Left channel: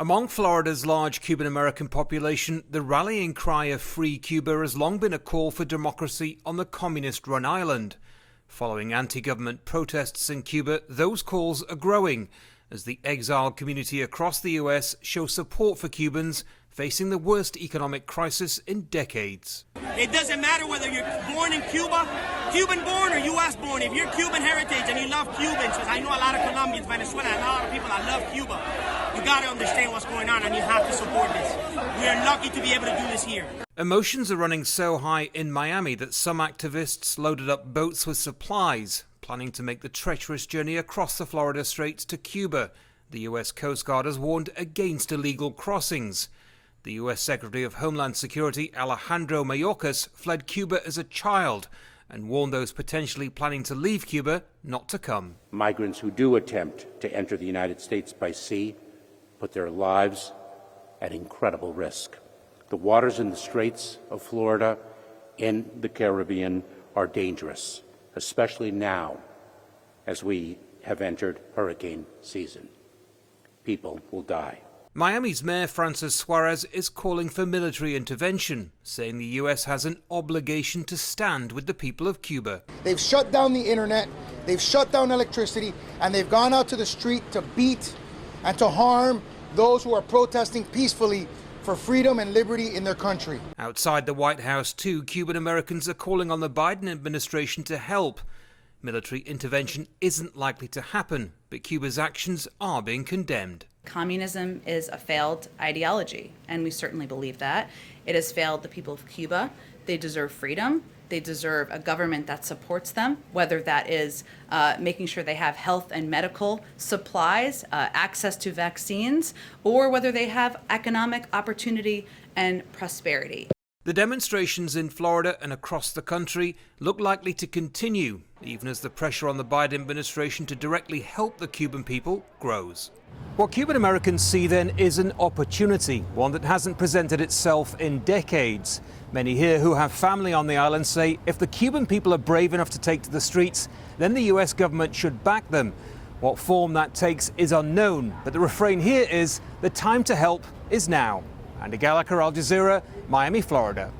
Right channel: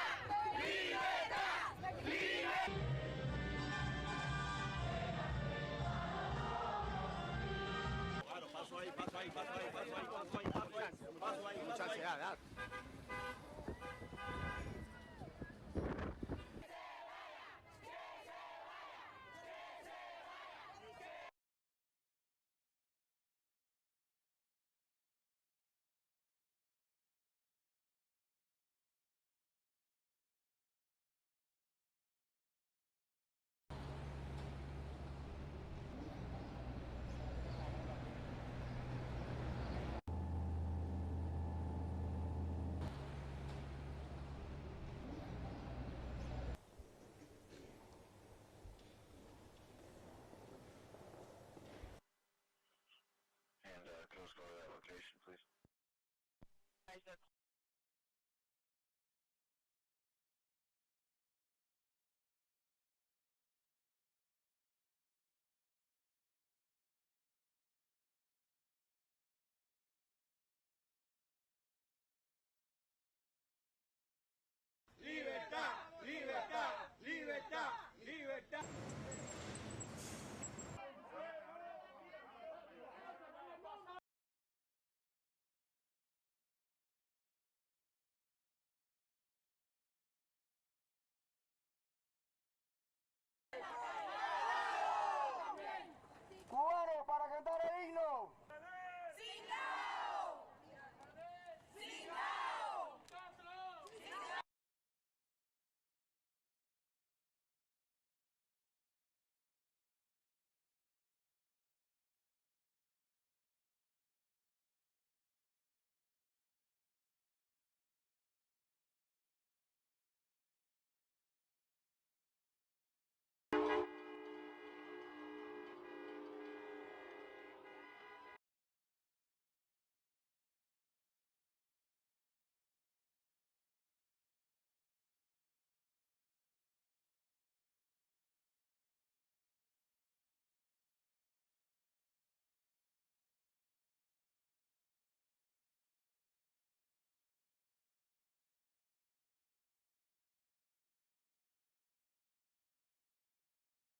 Among Florida's large Cuban-American population, the rallying cry of Free Cuba has long been a call for democracy on the communist-run island. Following anti-government protests in Cuba, those calls are growing as the exiled community across the US show support for Cubans facing the worst economic crisis in decades. It doesn't matter whether you're born in Cuba, Cuban born or US born. If you're Cuban heritage and you love Cubans, because I know a lot of Colombians, Venezuela, and a lot of people that love Cuba, you got to understand what's going on and you have to support this. We are lucky to be able to do this here. Emotions are running so high in Miami that some activists loaded up boats with supplies, planning to make the treacherous journey across the Florida Straits to Cuba. The US Coast Guard has warned against illegal crossings. The US Secretary of Homeland Security, Alejandro Mayorkas, fled Cuba as a child and warned those potentially planning to leave Cuba not to come. Migrants who do attempt to enter the United States by sea put their lives at incredible risk. The waters in the Straits of Florida and the Caribbean are dangerous, especially now as we have entered hurricane season. People will die. Miami's Mayor Francis Suarez is calling for military intervention, saying the US has an obligation to stand with the people of Cuba. They've shut down the internet, they've shut down electricity, and they've gone out to the street to beat and to harm those who are protesting peacefully for freedom and liberty in their country. Outside the White House, too, Cuban Americans are calling on the Biden administration to help. Military intervention isn't likely to happen, but Cuba's actions are being condemned. Communism is a failed ideology, and we certainly believe that. It has failed the people of Cuba. They deserve freedom. They deserve a government that supports them, whether that is making sure they have health and medical supplies, access to vaccines, or whether they have economic opportunity and prosperity. The demonstrations in Florida and across the country look likely to continue, even as the pressure on the Biden administration to directly help the Cuban people grows. What Cuban Americans see then is an opportunity, one that hasn't presented itself in decades. Many here who have family on the island say if the Cuban people are brave enough to take to the streets, then the US government should back them. What form that takes is unknown, but the refrain here is the time to help is now. Andy Gallagher, Al Jazeera, Miami, Florida.